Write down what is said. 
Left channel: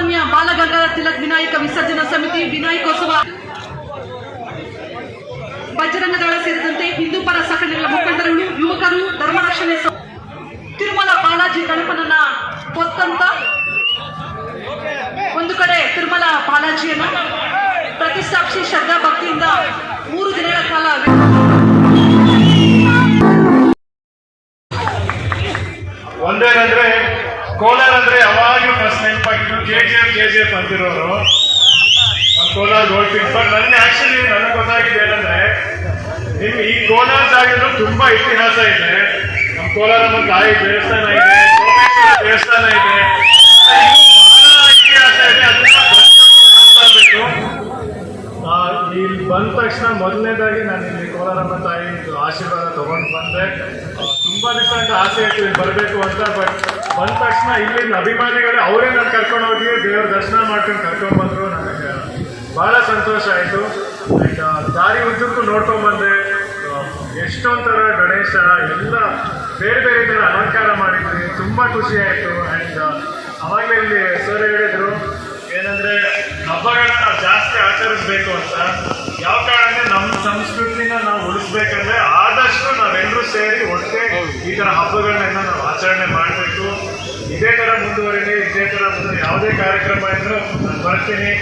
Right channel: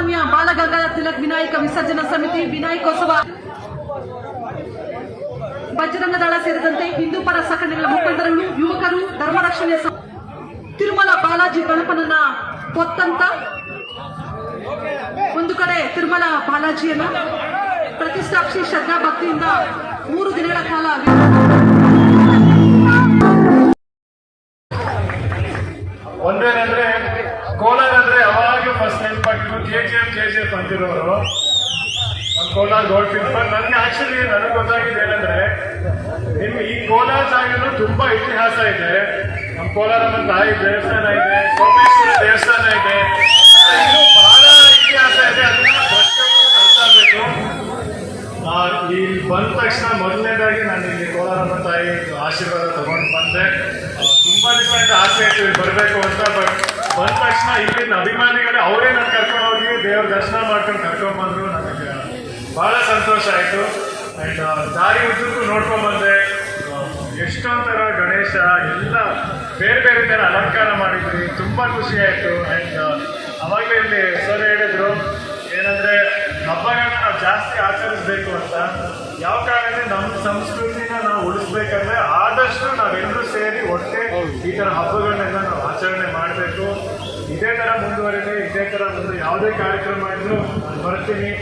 ಲೋಕಮಾನ್ಯ ಬಾಲಗಂಗಾಧರ ತಿಲಕ್ ವಿನಾಯಕ ವಿಸರ್ಜನಾ ಸಮಿತಿ ವಿನಾಯಕೋತ್ಸವ. ಬಜರಂಗ ದಳ ಸೇರಿದಂತೆ ಹಿಂದೂ ಪರ ಸಂಘಟನೆಗಳ ಮುಖಂಡರುಗಳು, ಯುವಕರು ಧರ್ಮ ರಕ್ಷಣೆ ತಿರುಮಲ ಬಾಲಾಜಿ ಗಣಪನನ್ನ ಹೊತ್ತಂತ ಒಂದು ಕಡೆ ತಿರುಮಲ ಬಾಲಾಜಿಯನ್ನ ಪ್ರತಿಷ್ಠಾಪಿಸಿ ಶ್ರದ್ಧಾ ಭಕ್ತಿಯಿಂದ ಮೂರು ದಿನಗಳ ಕಾಲ ಕೋಲಾರ ಅಂದ್ರೆ ಯಾವಾಗಲೂ first ನೆನಪಾಗಿದ್ದು K G F K G F ಅಂತಿರೋರು. Kolar gold ಪಿಂಪ್ ನನ್ನ ಆಕ್ಚುಲಿ ನನಗೆ ಗೊತ್ತಾಗಿದೆ ಏನಂದ್ರೆ ನಿಮ್ಗೆ ಈ ಕೋಲಾರ ಜಾಗದಲ್ಲೂ ತುಂಬಾ ಇತಿಹಾಸ ಇದೆ. ನಮ್ಮ ಕೋಲಾರ ನಮ್ಮ ತಾಯಿ ದೇವಸ್ಥಾನ ಇದೆ, ಸೋಮೇಶ್ವರ ದೇವಸ್ಥಾನ ಇದೆ. ಇಲ್ಲಿ ಬಂದ ತಕ್ಷಣ ಮೊದಲನೇದಾಗಿ ನಾನು ಇಲ್ಲಿ ಕೋಲಾರಮ್ಮ ತಾಯಿ ಆಶೀರ್ವಾದ ತಗೊಂಡು ಬಂದೆ. ತುಂಬಾ ದಿವಸ ಆಸೆ ಇತ್ತು ಬರಬೇಕು ಅಂತ ಬಟ್ ಬಂದ ತಕ್ಷಣ ಇಲ್ಲಿನ ಅಭಿಮಾನಿಗಳೇ ಅವರೇ ನಾನು ಕರ್ಕೊಂಡು ಹೋಗಿ ದೇವ್ರ ದರ್ಶನ ಮಾಡ್ಕೊಂಡು ಕರ್ಕೊಂಡು ಬಂದರು ನನಗೆ ಬಹಳ ಸಂತೋಷ ಆಯಿತು. ಆ್ಯಂಡ್ ದಾರಿ ಉದ್ದಕ್ಕೂ ನೋಡ್ಕೊಂಡು ಎಷ್ಟೊಂಥರ ಗಣೇಶ, ಎಲ್ಲ ಬೇರೆ ಬೇರೆ ಥರ ಅಲಂಕಾರ ಮಾಡಿದ್ರಿ. ತುಂಬ ಖುಷಿ ಆಯಿತು. ಆ್ಯಂಡ್ ಅವಾಗಲೇ ಇಲ್ಲಿ ಸರ್ ಹೇಳಿದರು, ಏನಂದರೆ, ಹಬ್ಬಗಳನ್ನ ಜಾಸ್ತಿ ಆಚರಿಸ್ಬೇಕು ಅಂತ. ಯಾವ ಕಾರಣಕ್ಕೆ ನಮ್ಮ ಸಂಸ್ಕೃತಿನ ನಾವು ಉಳಿಸ್ಬೇಕಂದ್ರೆ ಆದಷ್ಟು ನಾವೆಲ್ಲರೂ ಸೇರಿ ಒಟ್ಟೆ ಈ ಥರ ಹಬ್ಬಗಳನ್ನೆಲ್ಲ ನಾವು ಇದೇ ತರ ಮುಂದುವರಿಲಿ ಮುಂದೆ ಯಾವುದೇ ಕಾರ್ಯಕ್ರಮ ಇದ್ರೂ ನಾನು ಬರ್ತೀನಿ